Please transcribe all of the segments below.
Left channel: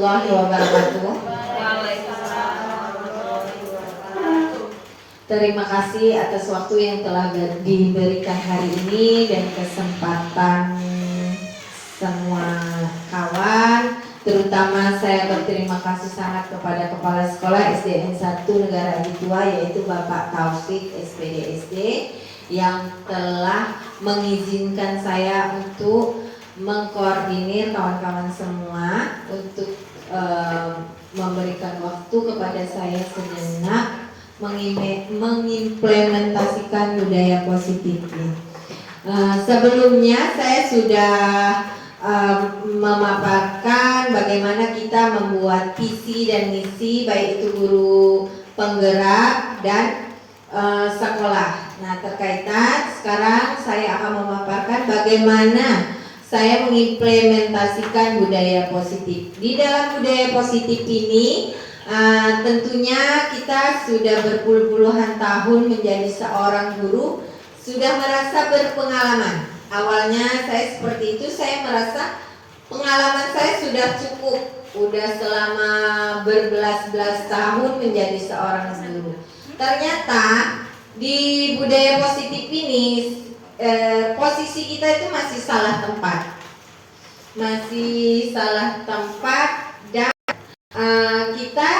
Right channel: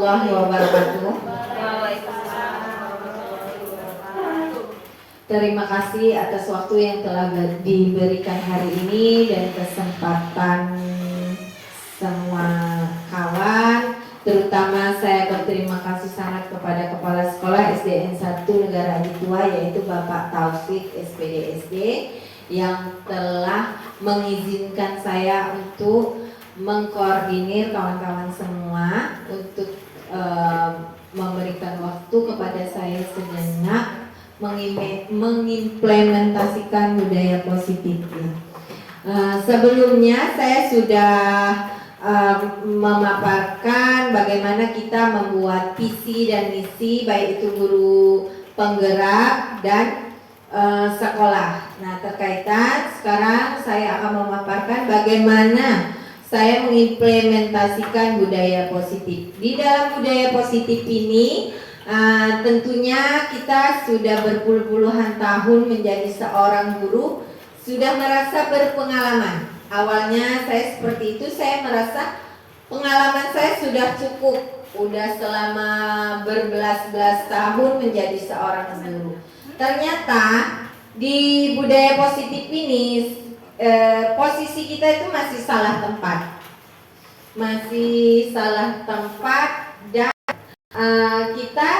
warahmatullahi wabarakatuh. Terima kasih atas waktu yang telah diberikan hari ini dan kesempatan semua kawan. Terutama saya berterima kasih sangat kepada Kepala Sekolah SDN 1 Negara Ajitua, yaitu Bapak Taufik SPD SD, yang telah mengizinkan saya untuk mengkoordinir kawan-kawan semua untuk memberikan waktu kepada saya sejenak mengimplementasikan budaya positif. Sebelumnya saya sudah memaparkan bagaimana kita membuat visi dan misi, baik itu guru penggerak dan sekolah. Nah, terkaitan sekarang saya akan memaparkan bagaimana saya mengimplementasikan budaya positif. Di dalam budaya positif ini tentunya kita sudah berpuluh-puluhan tahun menjadi seorang guru, sudah merasa berpengalaman. Awalnya saya seperti itu, saya merasa pengalaman saya sudah cukup, udah selama berbelas-belas tahun menjadi seorang guru. Ternyata di budaya positif ini posisi kita itu masih salah tempat, dan kita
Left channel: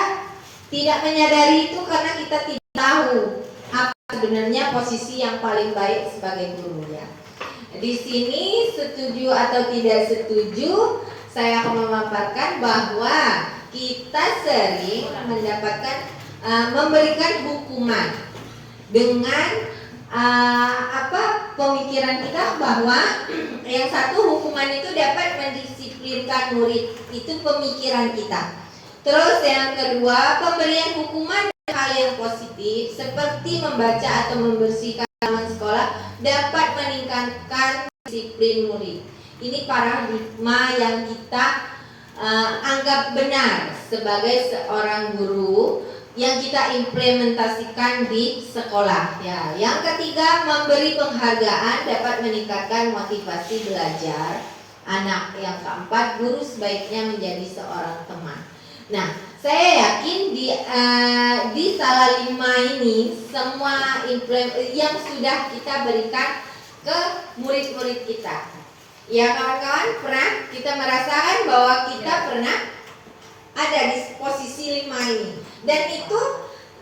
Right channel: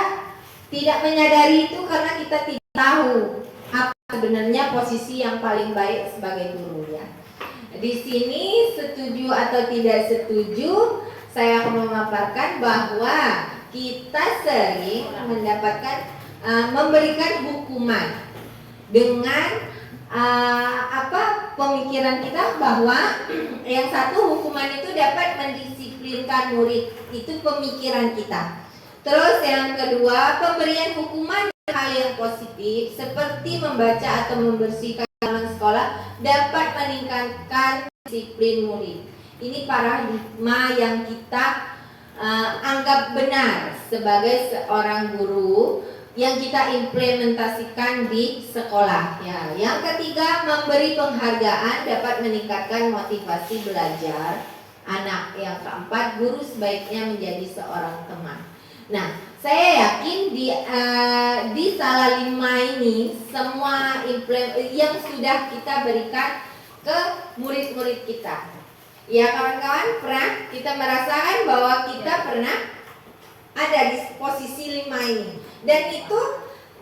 tidak menyadari itu karena kita tidak tahu apa sebenarnya posisi yang paling baik sebagai guru ya. Di sini setuju atau tidak setuju, saya akan memaparkan bahwa kita sering mendapatkan memberikan hukuman dengan pemikiran kita bahwa yang satu, hukuman itu dapat mendisiplinkan murid, itu pemikiran kita. Terus yang kedua, pemberian hukuman hal yang positif seperti membaca atau membersihkan halaman sekolah dapat meningkatkan disiplin murid. Ini paradigma yang kita anggap benar sebagai seorang guru yang kita implementasikan di sekolah ya. Yang ketiga, memberi penghargaan dapat meningkatkan motivasi belajar anak. Yang keempat, guru sebaiknya menjadi seorang teman. Nah, saya yakin di salah lima ini semua yang sudah kita berikan ke murid-murid kita. Ya kawan-kawan, pernah kita merasakan bahwa kita pernah ada di posisi 5 ini. Dan itu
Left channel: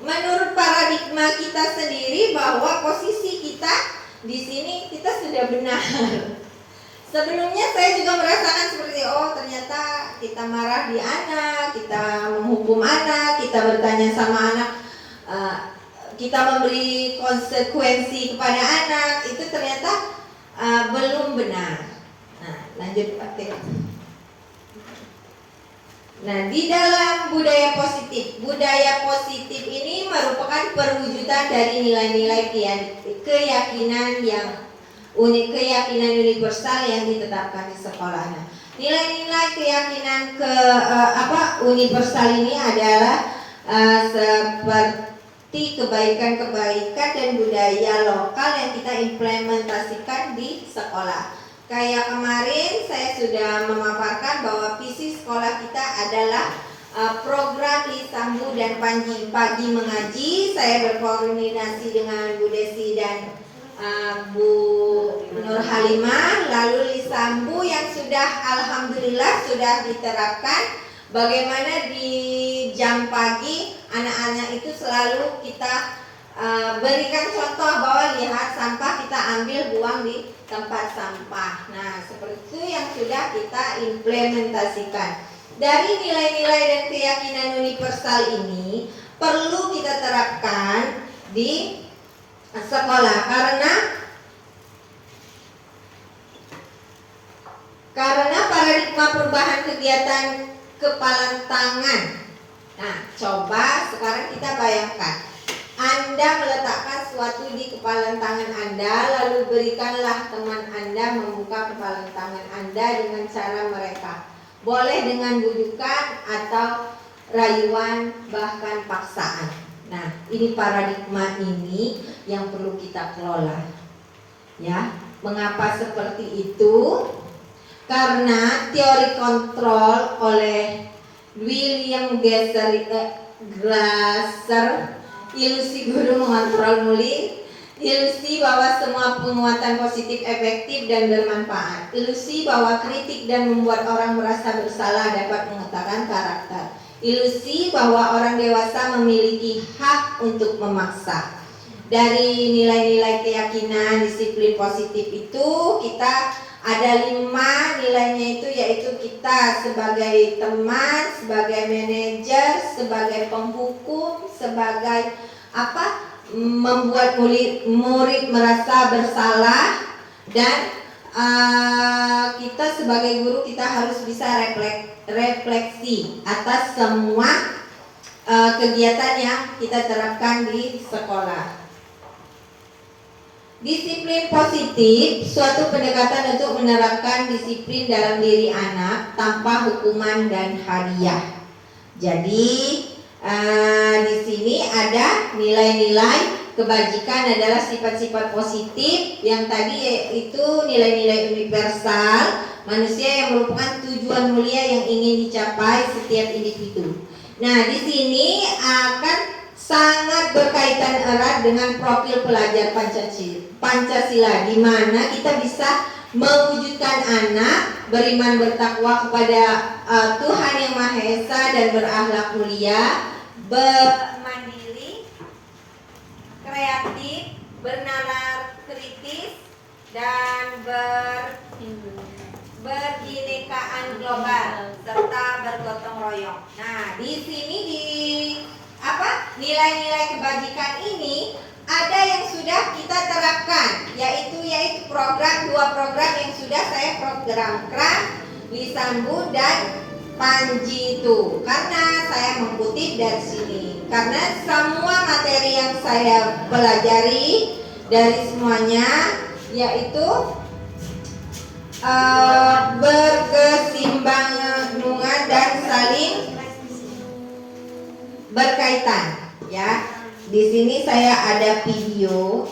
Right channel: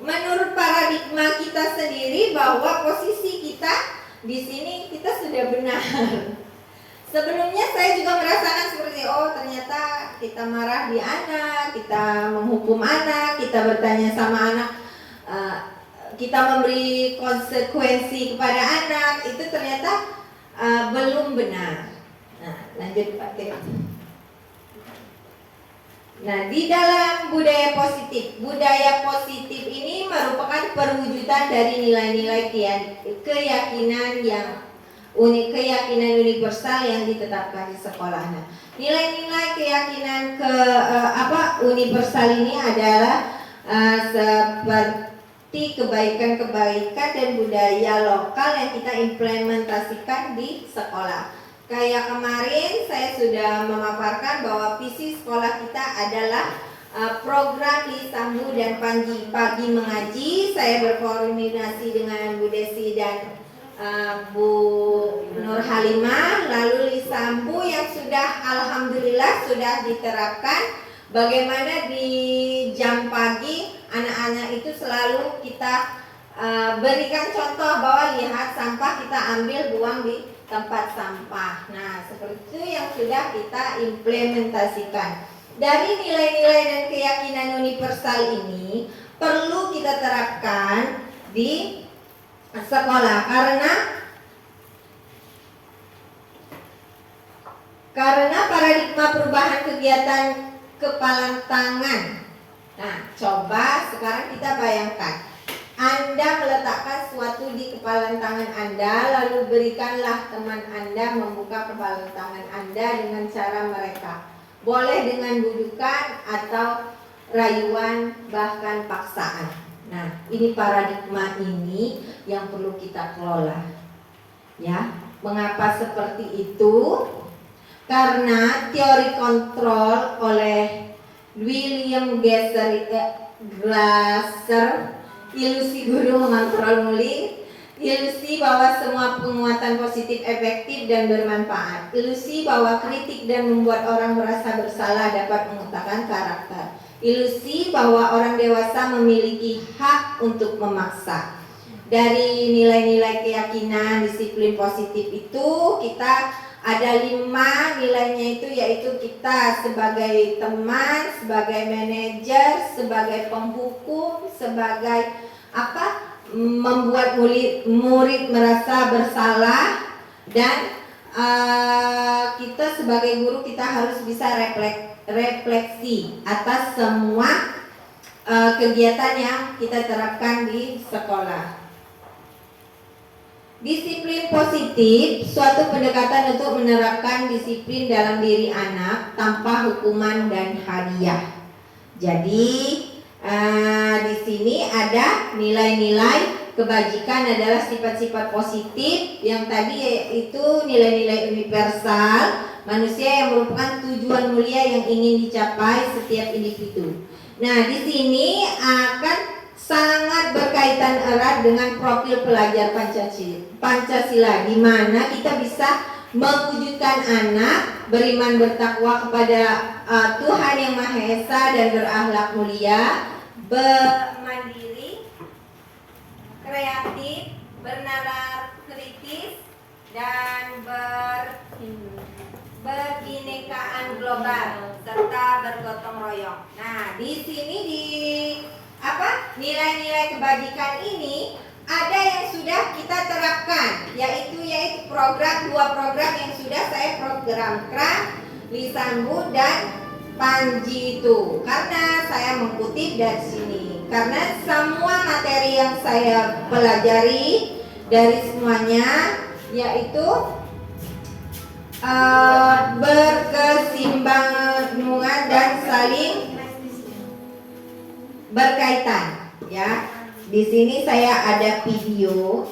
menurut paradigma kita sendiri bahwa posisi kita di sini kita sudah benar. Sebelumnya saya juga merasakan seperti ternyata kita marah di anak, kita menghukum anak, kita bertanya sama anak, kita memberi konsekuensi kepada anak, itu ternyata belum benar. Nah, lanjut Pak. Nah, di dalam budaya positif ini merupakan perwujudan dari nilai-nilai keyakinan universal yang ditetapkan di sekolah. Nah, nilai-nilai keyakinan universal ini adalah seperti kebaikan-kebaikan dan budaya lokal yang kita implementasikan di sekolah. Kayak kemarin saya sudah memaparkan bahwa visi sekolah kita adalah program Lisambu dan Panji Pagi Mengaji. Saya berkoordinasi dengan Bu Desi dan Bu Nur Halimah. Lalu Lisambu yang sudah alhamdulillah sudah diterapkan. Bagaimana di jam pagi anak-anak itu selalu kita berikan contoh bahwa lihat sampah kita ambil buang di tempat sampah. Nah, seperti itu yang sudah kita implementasikan. Dari nilai-nilai dan keyakinan universal ini perlu kita terapkan di sekolah karena paradigma perubahan kegiatan kepalan tangan. Nah, coba sekarang kita bayangkan Anda meletakkan sesuatu di kepalan tangan Anda, lalu berikanlah teman Anda membuka kepalan tangan Anda dengan cara mereka. Boleh dengan bujukan atau rayuan, bahkan paksaan. Nah, ini paradigma ini yang perlu kita kelola. Ya, mengapa seperti itu? Karena teori kontrol oleh William Glasser, ilusi guru mengontrol murid, ilusi bahwa semua penguatan positif efektif dan bermanfaat, ilusi bahwa kritik dan membuat orang merasa bersalah dapat mengatakan karakter, ilusi bahwa orang dewasa memiliki hak untuk memaksa. Dari nilai-nilai keyakinan disiplin positif itu kita ada 5 nilainya itu, yaitu kita sebagai teman, sebagai manajer, sebagai penghukum, sebagai membuat murid merasa bersalah, dan kita sebagai guru kita harus bisa refleksi atas semua kegiatan yang kita terapkan di sekolah. Disiplin positif, suatu pendekatan untuk menerapkan disiplin dalam diri anak tanpa hukuman dan hadiah. Jadi di sini ada nilai-nilai kebajikan adalah sifat-sifat positif yang tadi itu nilai-nilai universal manusia yang merupakan tujuan mulia yang ingin dicapai setiap individu. Nah, di sini akan sangat berkaitan erat dengan profil pelajar Pancasila, di mana kita bisa mewujudkan anak beriman bertakwa kepada Tuhan Yang Maha Esa dan berakhlak mulia, bermandiri, kreatif, bernalar kritis, dan berbinekaan global serta bergotong royong. Nah, di sini nilai-nilai kebajikan ini ada yang sudah kita terapkan, yaitu dua program yang sudah saya programkan, Lisanbu dan Panji itu. Karena saya mengutip dari sini, karena semua materi yang saya pelajari dari semuanya yaitu berkesinambungan dan saling berkaitan, ya. Di sini saya ada video.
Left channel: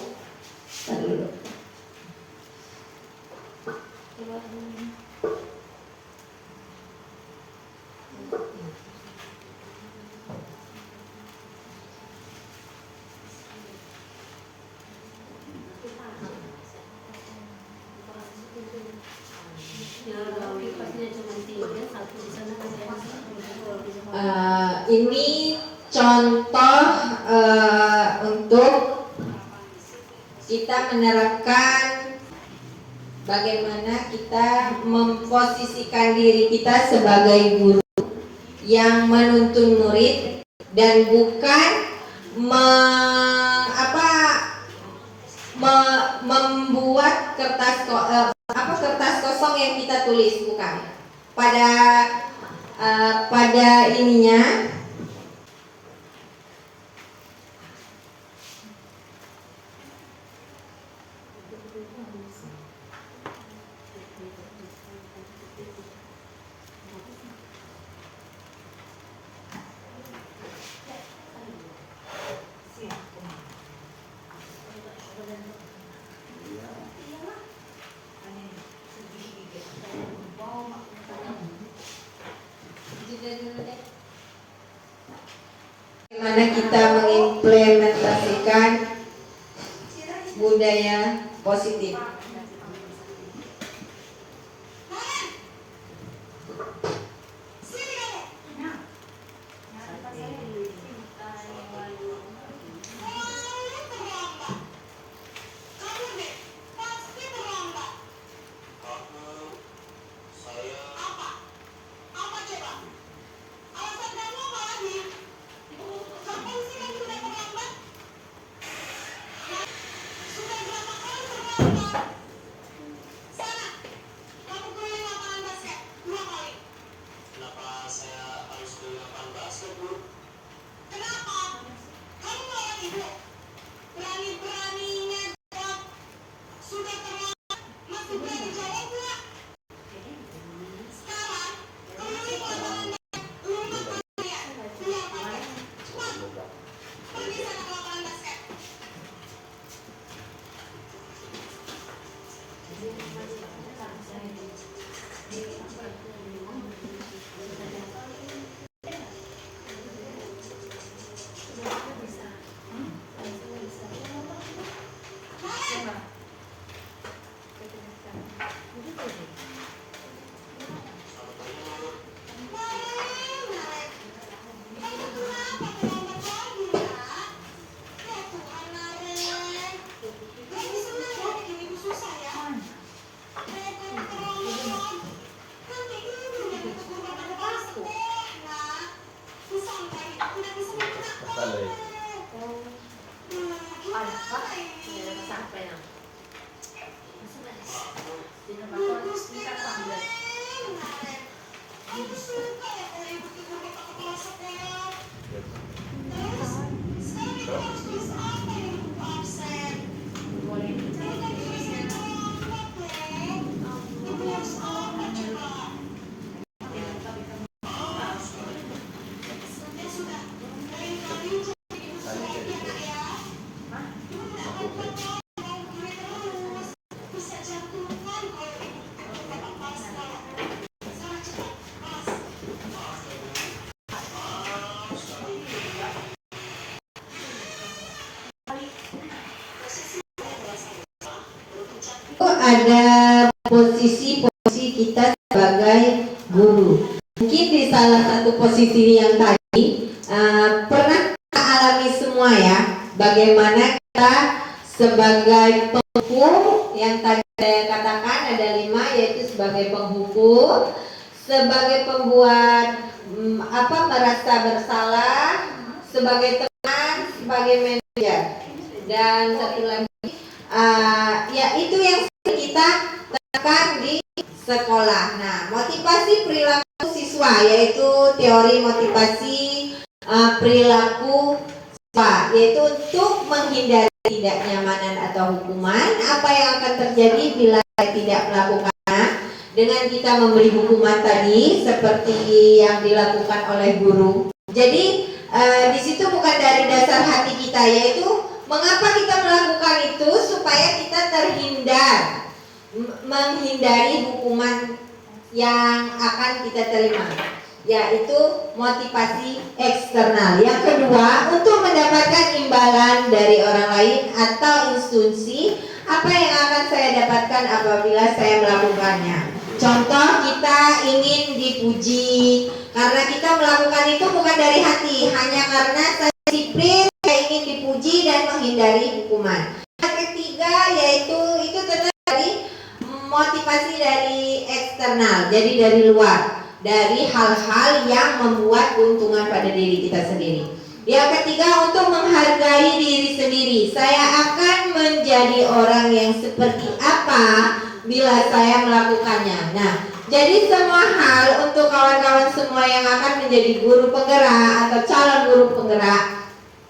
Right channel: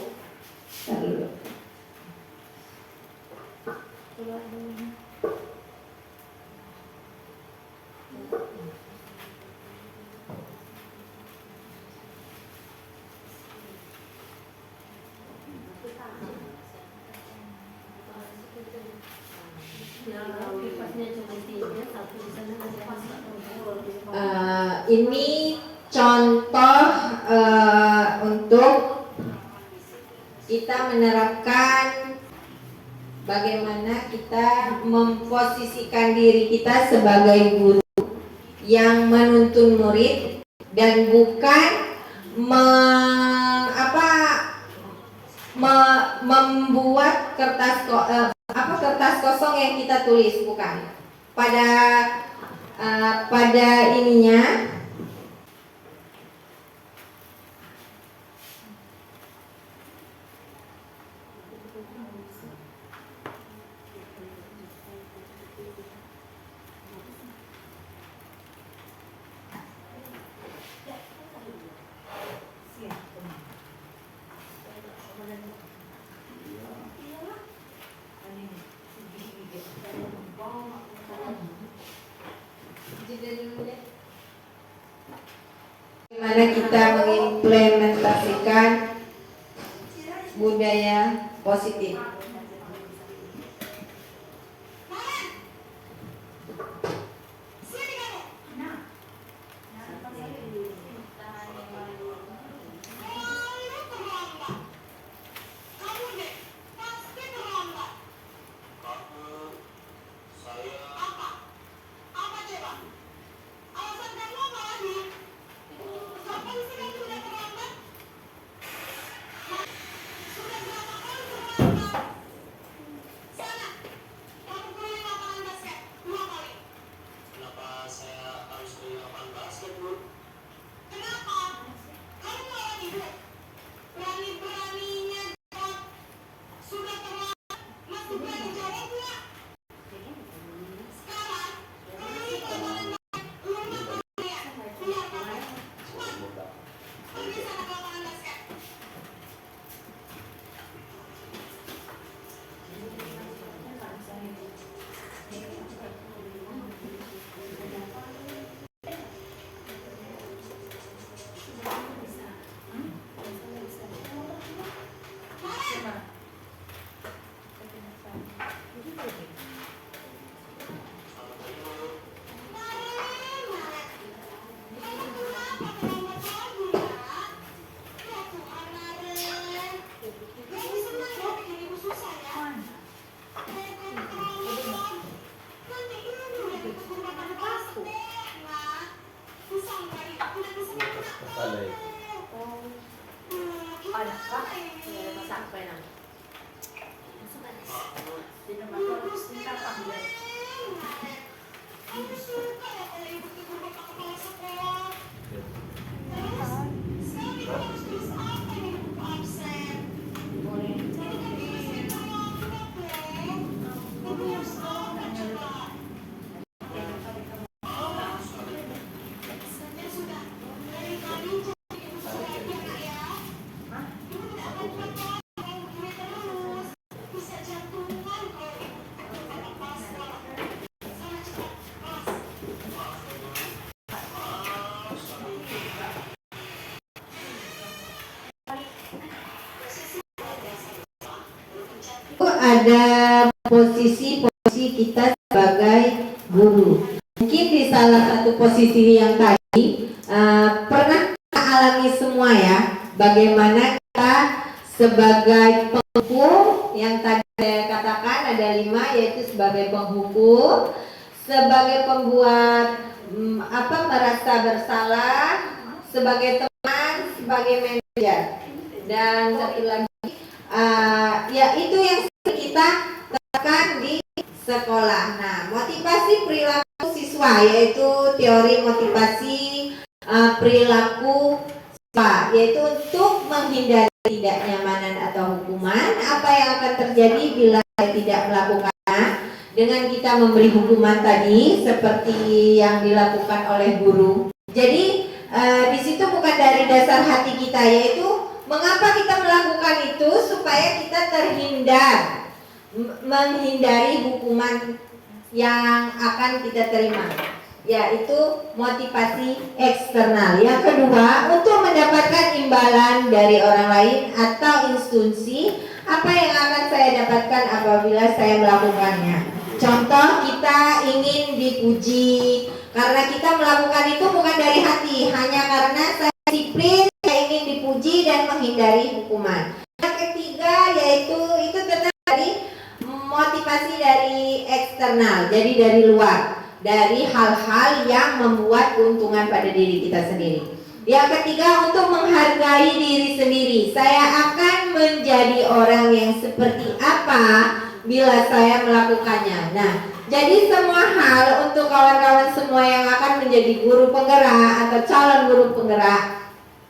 Ini contoh untuk kita menerapkan bagaimana kita memposisikan diri kita sebagai guru yang menuntun murid dan bukan membuat kertas kosong yang kita tulis, bukan. Pada ininya bagaimana kita mengimplementasikan budaya positif. ada posisi-posisi kita sebagai guru. Mungkin di salah satu posisi yang tadi pernah kita alami semua ya, bagaimana kita sebagai penghukum yang tadi saya katakan ada 5, yaitu sebagai penghukum, sebagai pembuat merasa bersalah, sebagai teman, sebagai manajer, dan satu lagi ya itu yang kita terapkan di sekolah. Nah, motivasi perilaku siswa yaitu teori motivasi perilaku siswa, yaitu untuk menghindari tidak nyamanan atau hukuman. Apa yang akan terjadi bila tidak melakukannya? Dengan kita memberi hukuman tadi seperti yang dilakukan oleh guru. Jadi di situ bukan dari dasar hati kita, yaitu mengapa kita melakukan itu supaya kita terhindar, menghindari hukuman yang akan kita terima, yaitu motivasi eksternal. Yang kedua, untuk mendapatkan imbalan dari orang lain atau instansi. Apa yang akan saya dapatkan apabila saya melakukannya? Contoh, kita ingin dipuji karena kita melakukan itu bukan dari hati, hanya karena saya disiplin, saya ingin dipuji dan menghindari hukuman. Yang ketiga, yaitu itu tentang dari motivasi dari eksternal, jadi dari luar, dari hal-hal yang membuat keuntungan pada diri kita sendiri. Yang ketiga, untuk menghargai diri sendiri. Saya akan menjadi orang yang seperti apa bila saya melakukannya. Nah, jadi semua hal untuk kawan-kawan semua yang akan menjadi guru penggerak atau calon guru penggerak,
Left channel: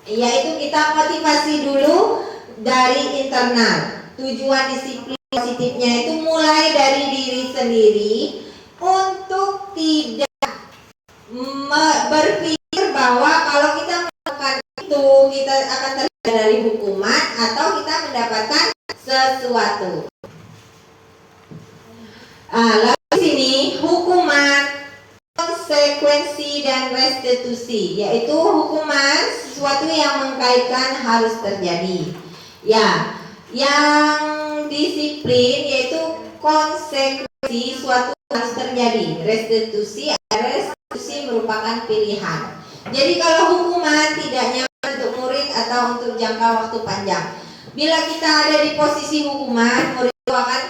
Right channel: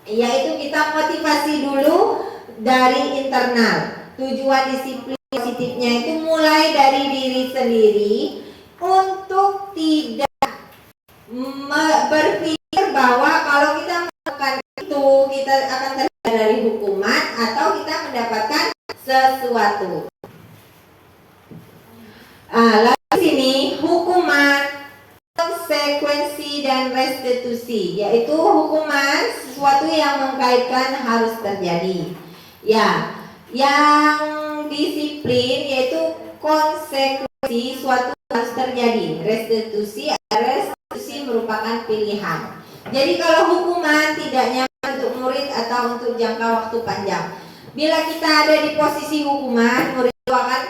yaitu kita motivasi dulu dari internal. Tujuan disiplin positifnya itu mulai dari diri sendiri untuk tidak berpikir bahwa kalau kita melakukan itu kita akan terhindar dari hukuman atau kita mendapatkan sesuatu. Lalu sini hukuman, konsekuensi dan restitusi, yaitu hukuman sesuatu yang mengkaitkan harus terjadi. Ya, yang disiplin yaitu konsekuensi suatu harus terjadi. Restitusi merupakan pilihan. Jadi kalau hukuman tidak nyaman untuk murid atau untuk jangka waktu panjang, bila kita ada di posisi hukuman, murid itu akan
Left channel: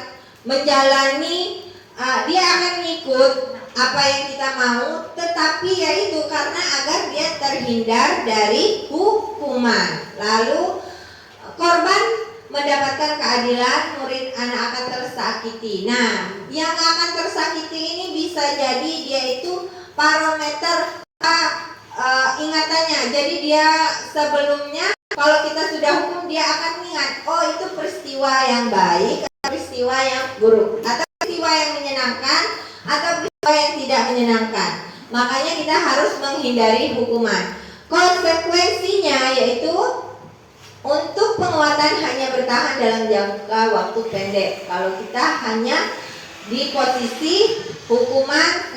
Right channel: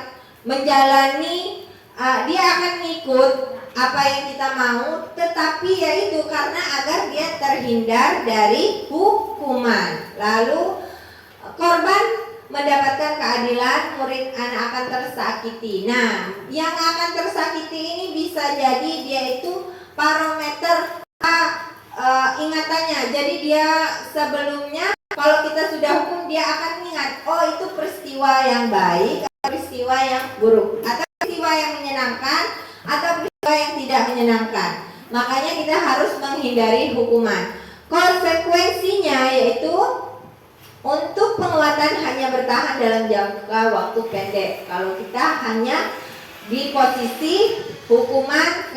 menjalani, dia akan ikut apa yang kita mau, tetapi yaitu karena agar dia terhindar dari hukuman. Lalu korban mendapatkan keadilan, murid anak akan tersakiti. Nah, yang akan tersakiti ini bisa jadi dia itu parameter ingatannya. Jadi dia sebelumnya kalau kita sudah hukum, dia akan ingat, oh itu peristiwa yang baik, peristiwa yang buruk, atau peristiwa yang menyenangkan, atau peristiwa yang tidak menyenangkan. Makanya kita harus menghindari hukuman. Konsekuensinya yaitu untuk penguatan hanya bertahan dalam jangka waktu pendek. Kalau kita hanya di posisi hukuman,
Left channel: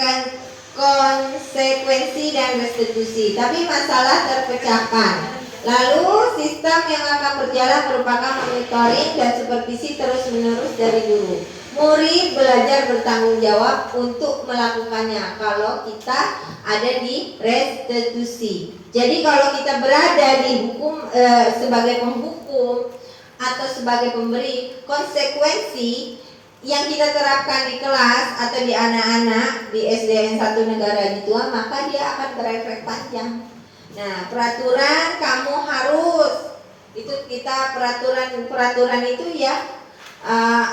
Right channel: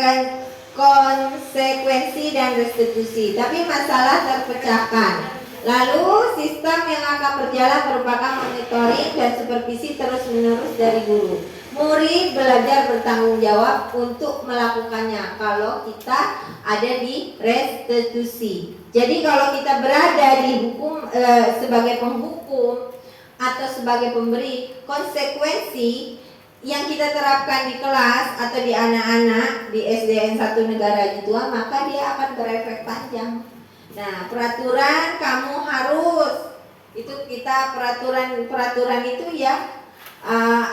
konsekuensi dan restitusi, tapi masalah terpecahkan. Lalu sistem yang akan berjalan merupakan monitoring dan supervisi terus-menerus dari guru. Murid belajar bertanggung jawab untuk melakukannya kalau kita ada di restitusi. Jadi kalau kita berada di hukum sebagai penghukum atau sebagai pemberi, konsekuensi yang kita terapkan di kelas atau di anak-anak di SDN 1 negara Jitua, maka dia akan berefek panjang. Nah, peraturan kamu harus, itu kita peraturan itu ya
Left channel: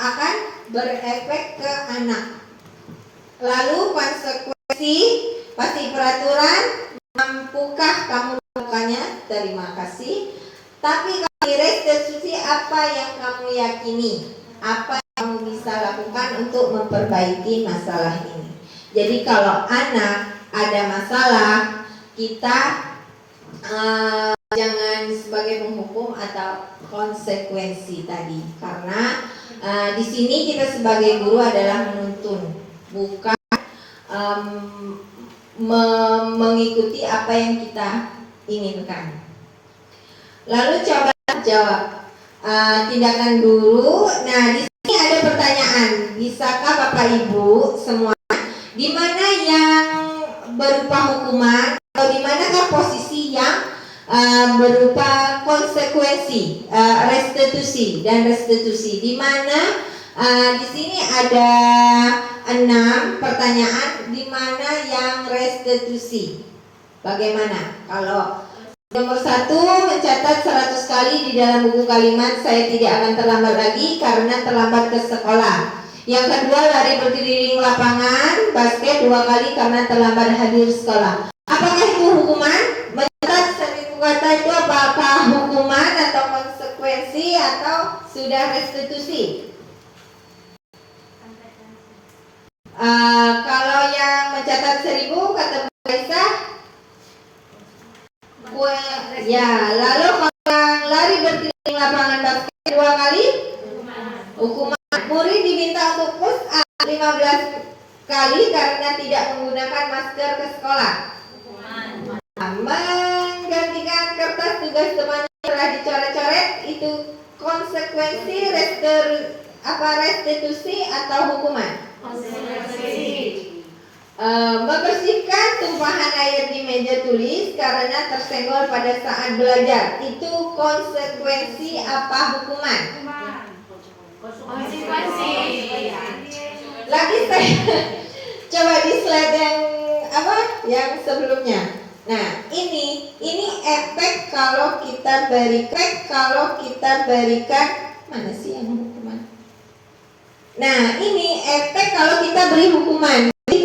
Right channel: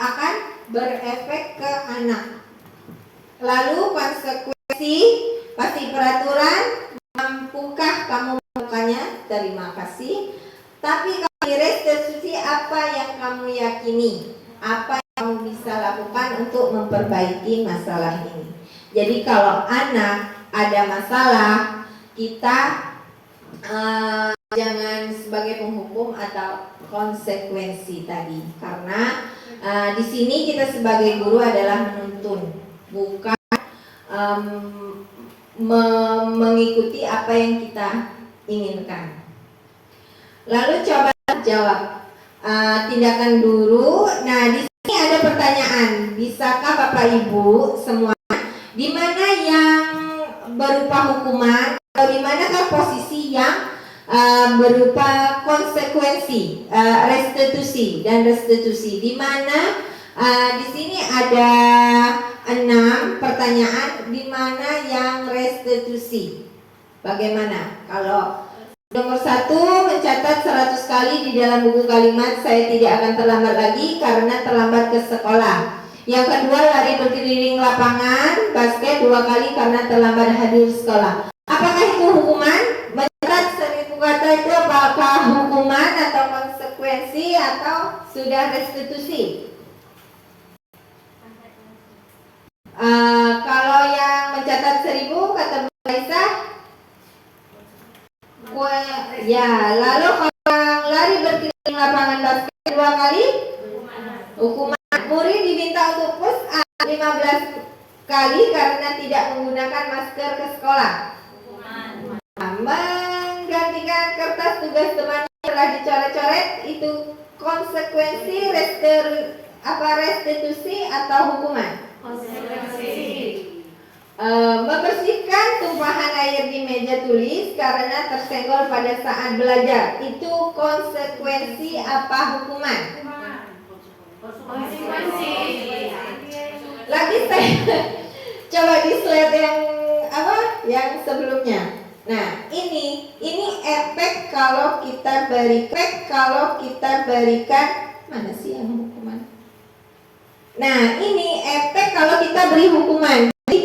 akan berefek ke anak. Lalu konsekuensi pasti peraturan, mampukah kamu melakukannya? Terima kasih. Tapi kalau di restitusi, apa yang kamu yakini? Apa yang kamu bisa lakukan untuk memperbaiki masalah ini? Jadi kalau anak ada masalah, kita jangan sebagai penghukum atau konsekuensi tadi, karena di sini kita sebagai guru adalah menuntun, bukan mengikuti apa yang kita inginkan. Lalu coba jawab tindakan guru. Nah, di sini ada ada pertanyaan, bisakah Bapak Ibu semua, di mana yang berupa hukuman atau di manakah posisi yang berupa konsekuensi, restitusi dan restitusi, di mana di sini ada 6 pertanyaan di mana yang restitusi. Bagaimana? Kalau nomor 1 mencatat 100 kali di dalam buku kalimat saya tidak akan terlambat lagi karena terlambat ke sekolah. Yang kedua, lari berkeliling lapangan basket 2 kali karena terlambat hadir sekolah. Apakah itu hukuman? Mencatat 1000 kata itu apakah hukuman atau konsekuensi atau sudah restitusi? Kalau yang mencatat 1000 kata Bu Raisa, ya. Lalu kalau yang lari berkeliling lapangan basket 2 kali, hukuman. Murid diminta untuk push up 15 kali karena tidak menggunakan masker ke sekolah. Menggantikan kertas tugas temannya telah dicoret-coret, itu konsekuensi restitusi atau hukuman? Membersihkan tumpahan air di meja tulis karena tersenggol pada saat belajar, itu konsekuensi apa hukuman? Konsekuensi. Lagi saya coba di slide yang yang sebelumnya. Nah, ini efek kalau kita berikan mana sih yang hukuman? Nah, ini efek kalau kita beri hukuman. Jadi,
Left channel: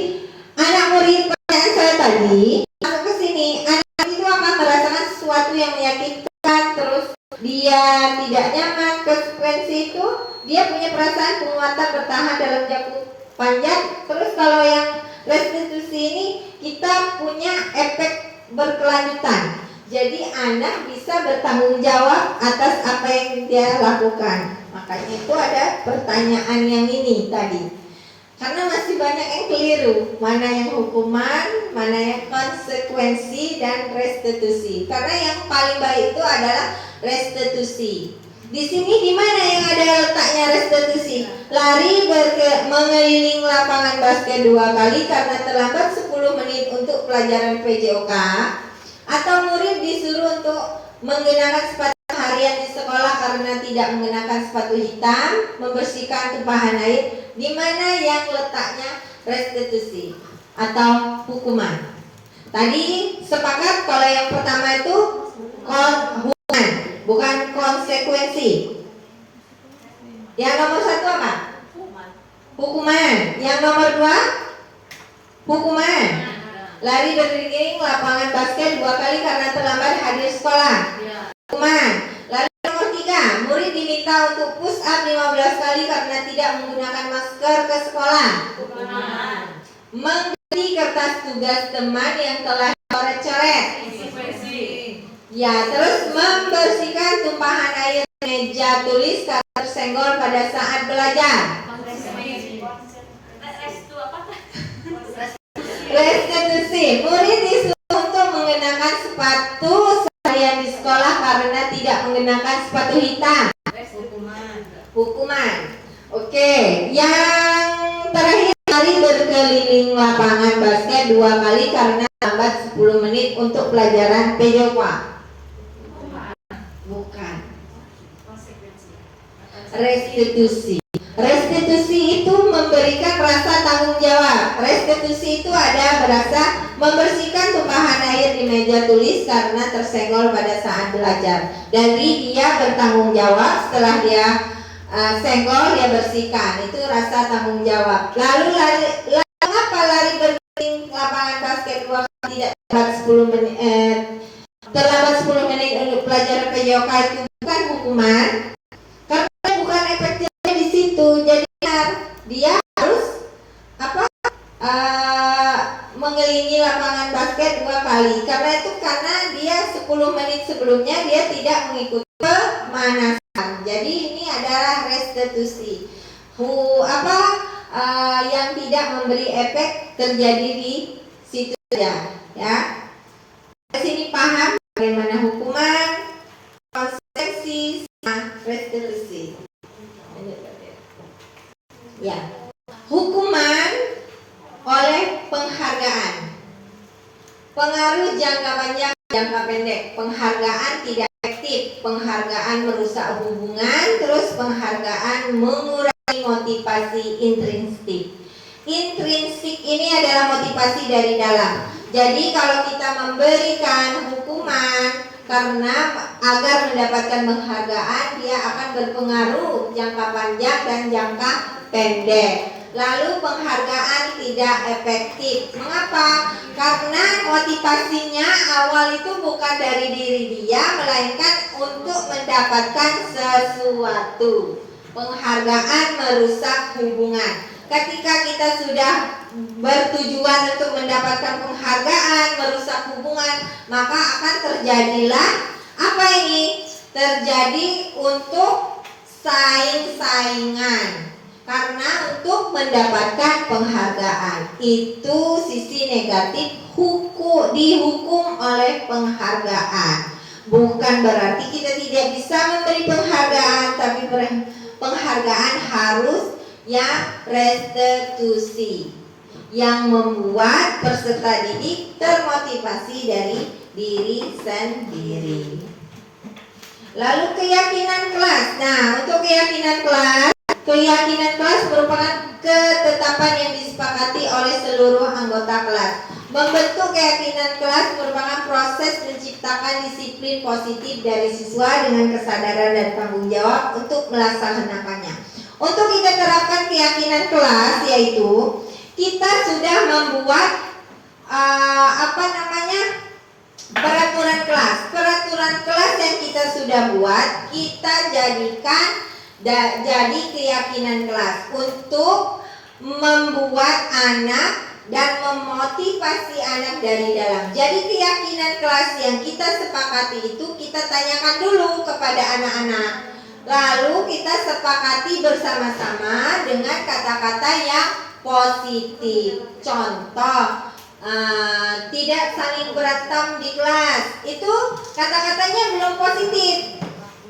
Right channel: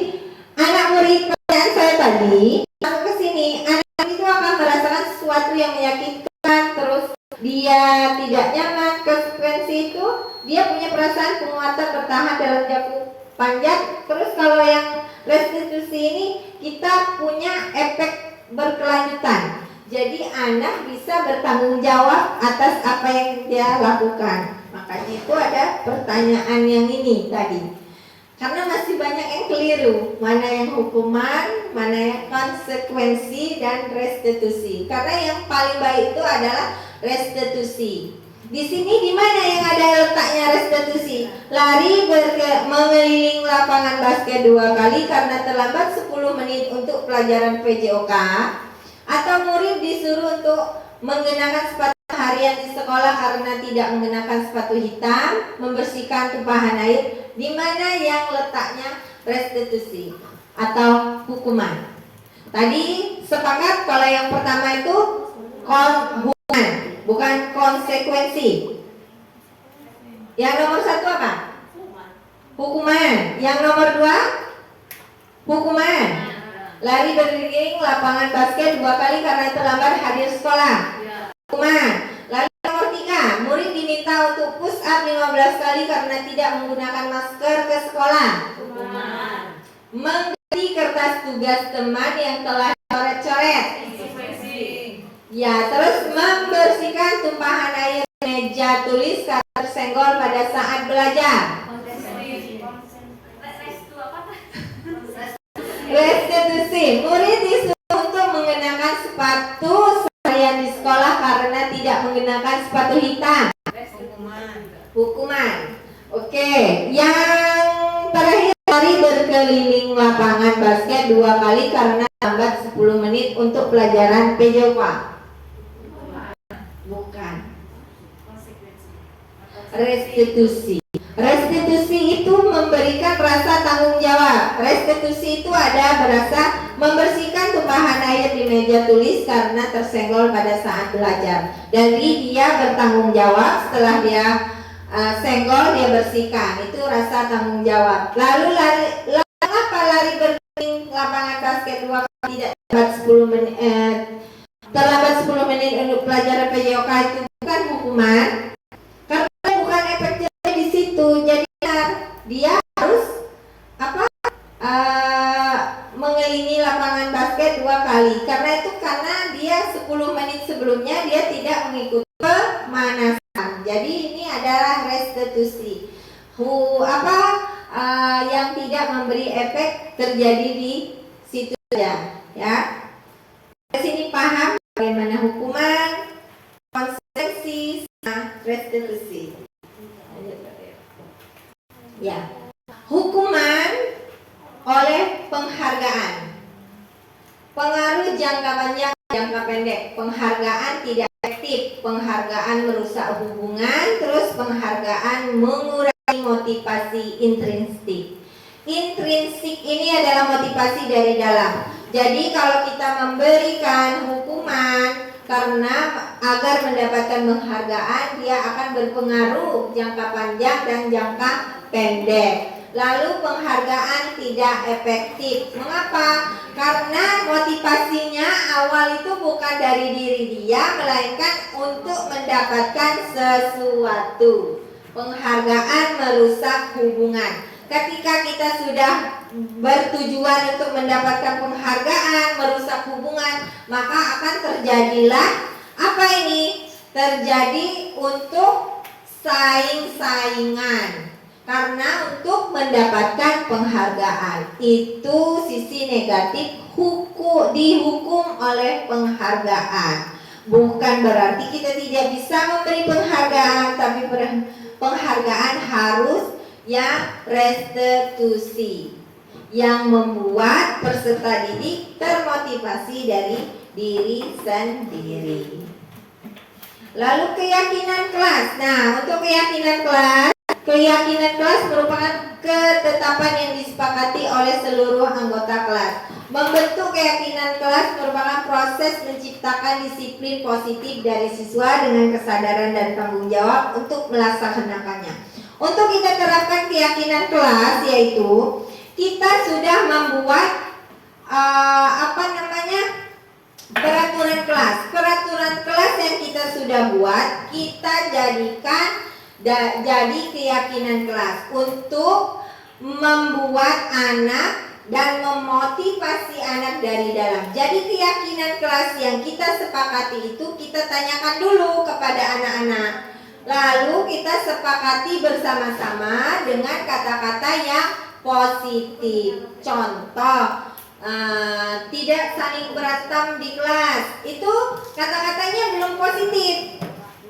anak murid pertanyaan saya tadi, ke sini, anak itu akan merasakan sesuatu yang menyakitkan, terus dia tidak nyaman. Konsekuensi itu dia punya perasaan penguatan bertahan dalam jangka panjang. Terus kalau yang restitusi ini kita punya efek berkelanjutan. Jadi anak bisa bertanggung jawab atas apa yang dia lakukan. Makanya itu ada pertanyaan yang ini tadi. Karena masih banyak yang keliru, mana yang hukuman, mana yang konsekuensi dan restitusi. Karena yang paling baik itu adalah restitusi. Di sini di mana yang ada letaknya restitusi? Lari mengeliling lapangan basket 2 kali karena terlambat 10 menit untuk pelajaran PJOK, atau murid disuruh untuk menggunakan sepatu harian di sekolah karena tidak menggunakan sepatu hitam, membersihkan tumpahan air, di mana yang letaknya restitusi atau hukuman? Tadi sepakat kalau yang pertama itu hukuman, bukan konsekuensi. Yang nomor 1 apa? Hukuman. Yang nomor 2 hukuman. Lari berkeliling lapangan basket 2 kali karena terlambat hadir sekolah. Hukuman. Lalu nomor 3, murid diminta untuk push up 15 kali karena tidak menggunakan masker ke sekolah. Mengganti kertas tugas teman yang telah coret-coret. Ya, terus membersihkan tumpahan air meja tulis karena tersenggol pada saat belajar. Restitusi. Murid disuruh untuk mengenakan sepatu seharian di sekolah karena tidak mengenakan sepatu hitam. Hukuman. Oke, yang terakhir, lari berkeliling lapangan basket 2 kali karena lambat 10 menit untuk pelajaran PJOK. Bukan. Restitusi. Restitusi itu memberikan rasa tanggung jawab. Restitusi itu ada berasa membersihkan tumpahan air di meja tulis karena tersenggol pada saat belajar. Jadi dia bertanggung jawab, setelah dia senggol dia bersihkan. Itu rasa tanggung jawab. Lalu apa lari berkeliling lapangan basket 2 kali tidak terlambat 10 menit untuk pelajaran PJOK, itu bukan hukuman karena bukan efektifnya di situ. Jadi dia harus mengelilingi lapangan basket 2 kali karena dia 10 menit sebelumnya dia tidak mengikuti pemanasan. Jadi ini adalah restitusi. Yang tidak memberi efek terjadi di situ saja, ya. Di sini paham bagaimana hukuman, konsekuensi, restitusi. Pengaruh jangka panjang, jangka pendek. Penghargaan tidak efektif, penghargaan merusak hubungan, terus penghargaan mengurangi motivasi intrinsik. Intrinsik ini adalah motivasi dari dalam. Jadi kalau kita memberikan hukuman karena agar mendapatkan penghargaan, dia akan berpengaruh jangka panjang dan jangka pendek. Lalu penghargaan tidak efektif. Mengapa? Karena motivasinya awal itu bukan dari diri dia, melainkan untuk mendapatkan sesuatu. Penghargaan merusak hubungan. Ketika kita sudah bertujuan untuk mendapatkan penghargaan, merusak hubungan, maka akan terjadilah apa ini? Terjadi untuk saing-saingan. Karena untuk mendapatkan penghargaan itu sisi negatif, dihukum oleh penghargaan. Bukan berarti kita tidak bisa memberi penghargaan, tapi penghargaan harus yang restitusi, yang membuat peserta didik termotivasi dari diri sendiri. Lalu keyakinan kelas. Nah, untuk keyakinan kelas merupakan ketetapan yang disepakati oleh seluruh anggota kelas. Membentuk keyakinan kelas merupakan proses menciptakan disiplin positif dari siswa dengan kesadaran dan tanggung jawab untuk melaksanakannya. Untuk kita terapkan keyakinan kelas, yaitu kita sudah membuat peraturan kelas. Peraturan kelas yang kita sudah buat, kita jadikan jadi keyakinan kelas untuk membuat anak dan memotivasi anak dari dalam. Jadi keyakinan kelas yang kita sepakati itu kita tanyakan dulu kepada anak-anak. Lalu kita sepakati bersama-sama dengan kata-kata yang positif. Contoh, tidak saling berantem di kelas. Itu kata-katanya belum positif.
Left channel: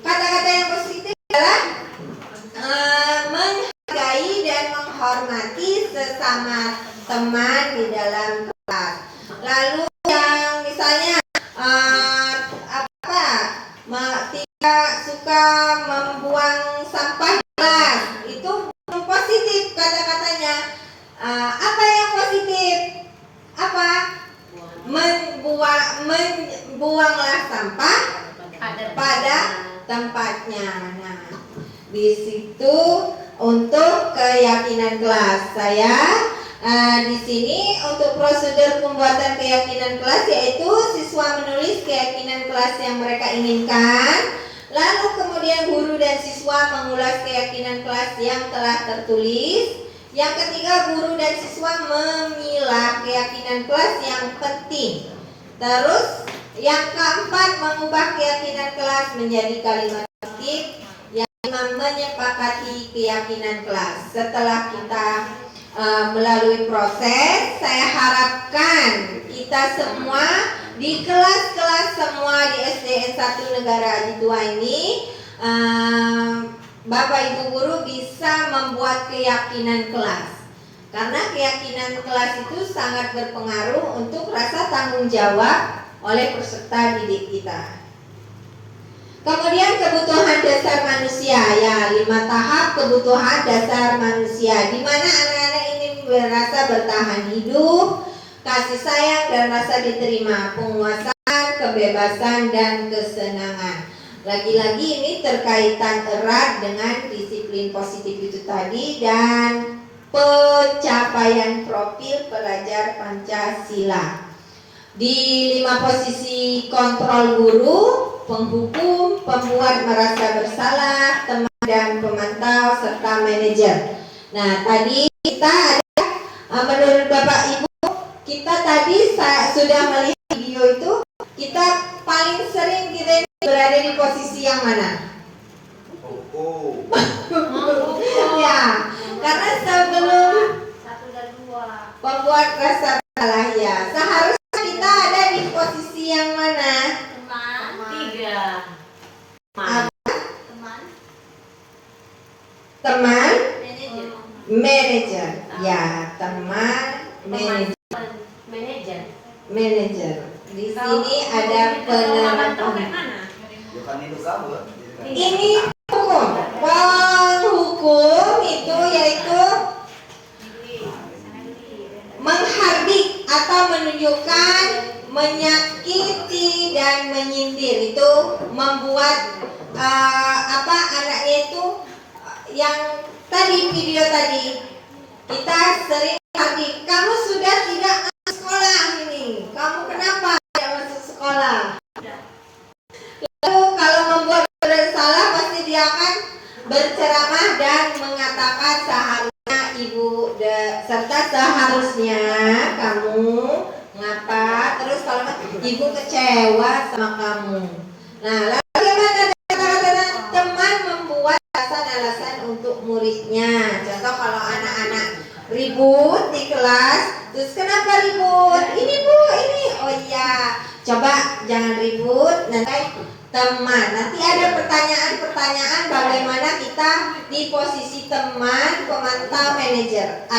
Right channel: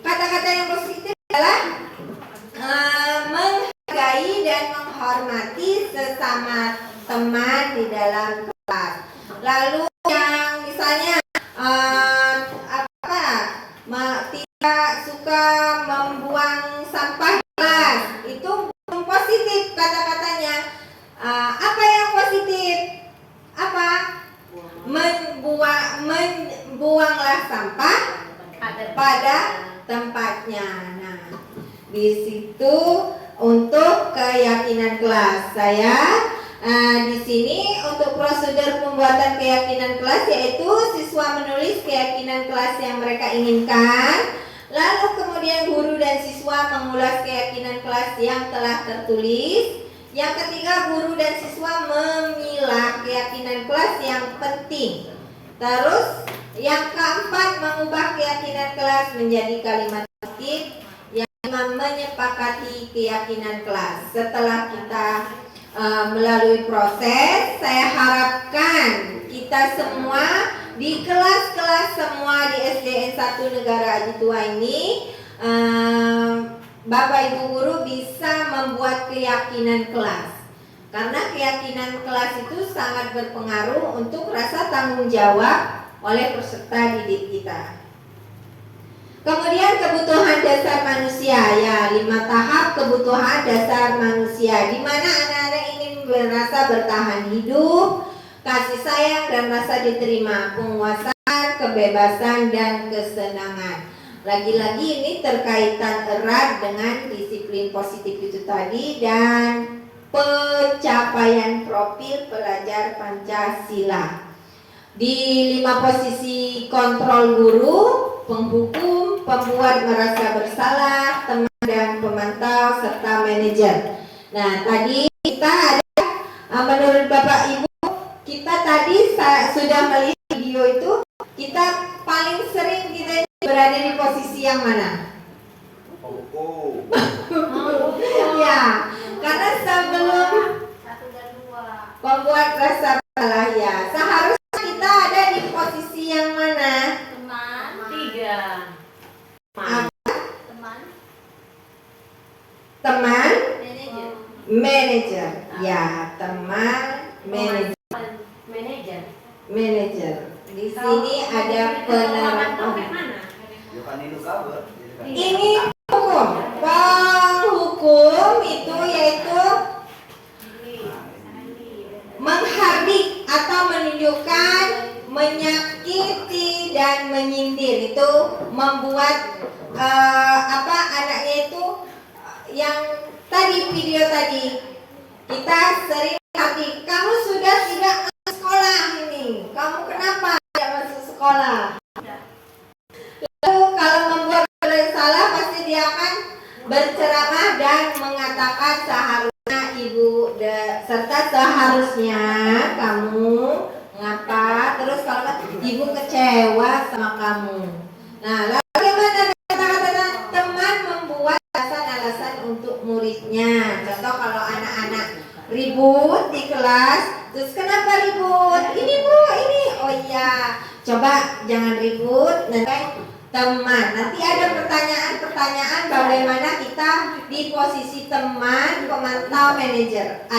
Kata-kata yang positif adalah menghargai dan menghormati sesama teman di dalam kelas. Lalu yang misalnya tidak suka membuang sampah di kelas, itu belum positif kata-katanya. Apa yang positif? Apa? Membuanglah sampah pada tempatnya. Nah, di situ untuk keyakinan kelas. Saya di sini untuk prosedur pembuatan keyakinan kelas, yaitu siswa menulis keyakinan kelas yang mereka inginkan. Lalu kemudian guru dan siswa mengulas keyakinan kelas yang telah tertulis. Yang ketiga, guru dan siswa memilah keyakinan kelas yang penting. Terus yang keempat, mengubah keyakinan kelas menjadi kalimat positif. Yang kelima, menyepakati keyakinan kelas. Setelah kita melalui proses, saya harapkan kita semua di kelas-kelas semua di SDN 1 Negara Aji Tua ini, Bapak Ibu guru bisa membuat keyakinan kelas. Karena keyakinan kelas itu sangat berpengaruh untuk rasa tanggung jawab oleh peserta didik kita. Kemudian kebutuhan dasar manusia, ya 5 tahap kebutuhan dasar manusia, di mana anak-anak ini merasa bertahan hidup, kasih sayang dan rasa diterima, penguasaan, kebebasan dan kesenangan. Lagi-lagi ini terkaitan erat dengan disiplin positif itu tadi dan pencapaian profil pelajar Pancasila. Di 5 posisi kontrol guru, penghukum, pembuat merasa bersalah, teman dan pemantau, serta manajer. Nah, tadi kita ada, menurut Bapak Ibu, kita tadi sudah melihat video itu, kita paling sering kita berada di posisi yang mana? Ya, karena sebelum pembuat rasa bersalah, ya seharusnya kita ada di posisi yang mana? Teman, manajer. Ya, teman, manajer. manajer. Di sini ada penerapan. Ini hukum. Kalau hukum itu yaitu menghardik atau menunjukkan, menyakiti dan menyindir. Itu membuat anaknya itu yang tadi video tadi kita sering hardik, kamu sudah tidak masuk sekolah ini, kamu kenapa tidak masuk sekolah? Lalu kalau membuat salah pasti dia akan berceramah dan mengatakan seharusnya ibu serta seharusnya kamu ngapa, terus kalau ibu kecewa sama kamu. Nah, lalu bagaimana kata-kata teman membuat alasan-alasan untuk muridnya. Contoh kalau anak-anak ribut di kelas, terus kenapa ribut? Ini bu, ini, oh iya, coba jangan ribut, nanti teman. Nanti ada pertanyaan-pertanyaan bagaimana kita di posisi teman, pemantau, manajer.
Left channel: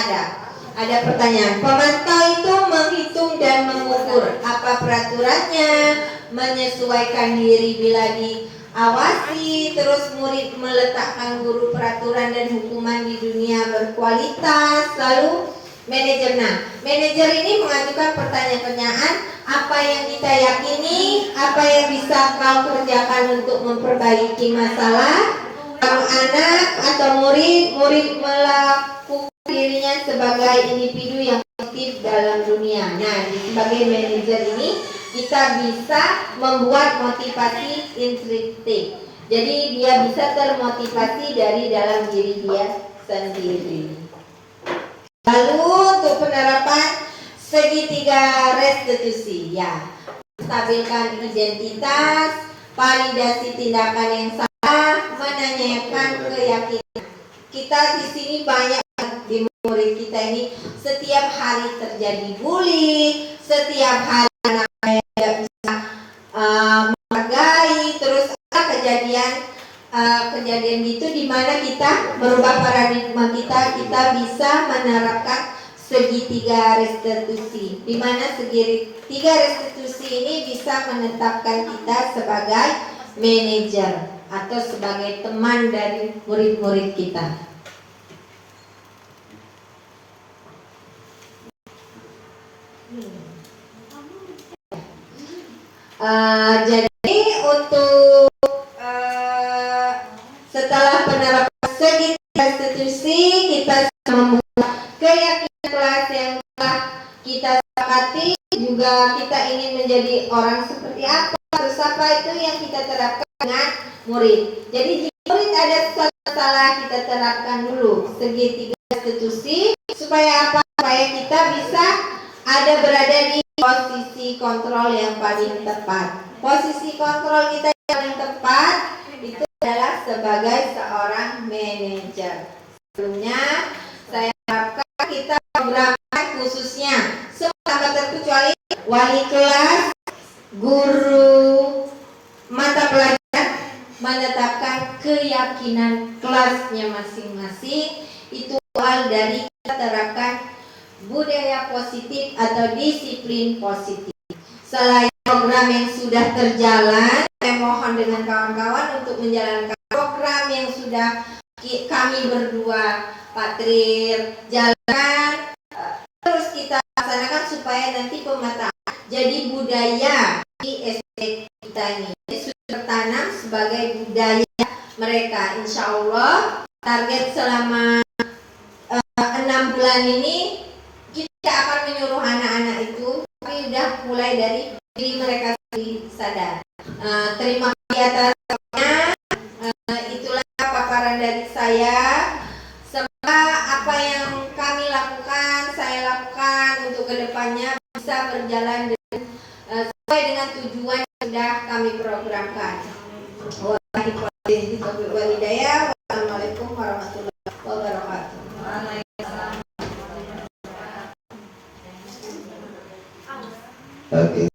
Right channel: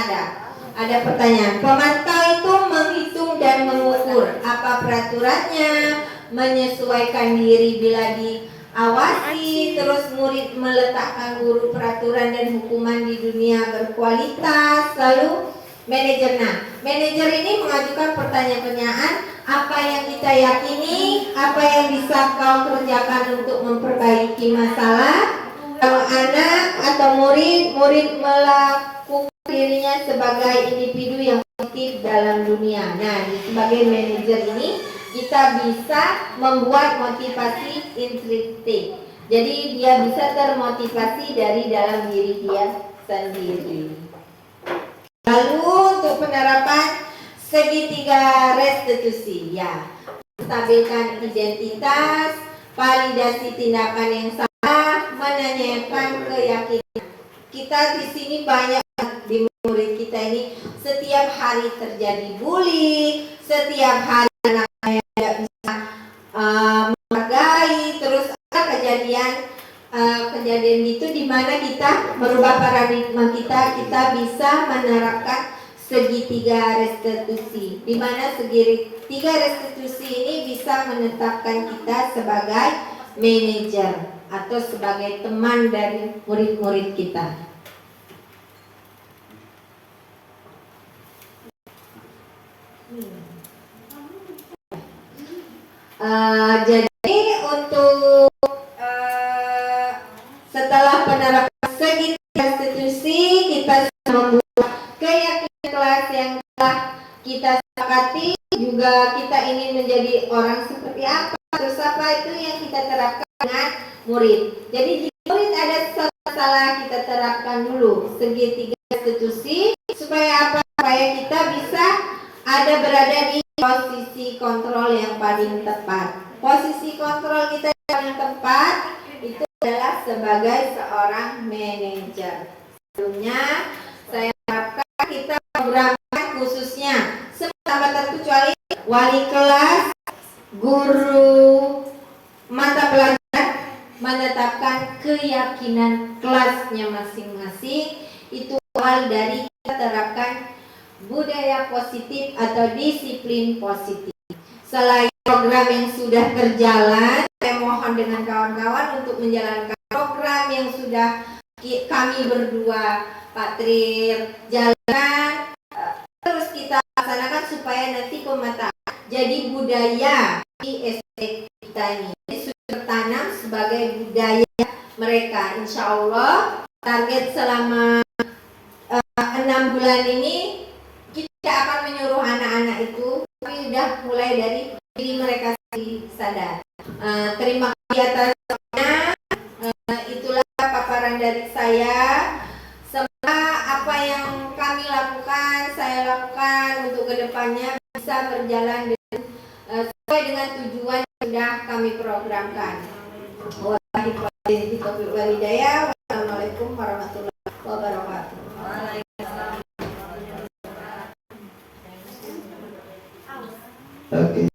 Ada pertanyaan. Pemantau itu menghitung dan mengukur apa peraturannya, menyesuaikan diri bila diawasi, terus murid meletakkan guru peraturan dan hukuman di dunia berkualitas. Lalu manajer. Nah, manajer ini mengajukan pertanyaan-pertanyaan, apa yang kita yakini, apa yang bisa kau kerjakan untuk memperbaiki masalah. Kalau anak atau murid melakukan dirinya sebagai individu yang positif dalam dunia. Nah, sebagai manajer ini kita bisa membuat motivasi intrinsik. Jadi dia bisa termotivasi dari dalam diri dia sendiri. Lalu untuk penerapan segitiga restitusi, ya, stabilkan identitas, validasi tindakan yang salah, menanyakan keyakinan. Kita di sini banyak di murid kita ini setiap hari terjadi bully, setiap hari anak tidak bisa menghargai, terus ada kejadian itu di mana kita merubah paradigma kita bisa menerapkan segitiga restitusi, di mana segitiga restitusi ini bisa menetapkan kita sebagai manajer atau sebagai teman dari murid-murid kita. Jadi untuk setelah penerapan segitiga restitusi, kita membuat keyakinan kelas yang telah kita sepakati, juga kita ingin menjadi orang seperti apa, terus apa itu yang kita terapkan dengan murid. Jadi jika murid ada sesuatu salah, kita terapkan dulu segitiga restitusi supaya apa? Supaya kita bisa berada di posisi kontrol yang paling tepat. Posisi kontrol kita yang paling tepat itu adalah sebagai seorang manajer. Sebelumnya saya harapkan kita programkan khususnya semua tanpa terkecuali wali kelas, guru mata pelajaran menetapkan keyakinan kelasnya masing-masing. Itu awal dari kita terapkan budaya positif atau disiplin positif. Selain program yang sudah terjalan, saya mohon dengan kawan-kawan untuk menjalankan program yang sudah kami berdua, Pak Trir, jalankan, terus kita laksanakan supaya nanti pemetaan jadi budaya di SD kita ini. Jadi sudah tertanam sebagai budaya mereka. Insya Allah target selama 6 bulan ini kita akan menyuruh anak-anak itu, tapi sudah mulai dari diri mereka sendiri sadar. Terima kasih atasnya. Itulah paparan dari saya. Semoga apa yang kami lakukan, saya lakukan untuk kedepannya bisa berjalan sesuai dengan tujuan yang sudah kami programkan. Wassalamualaikum warahmatullahi wabarakatuh. Oke.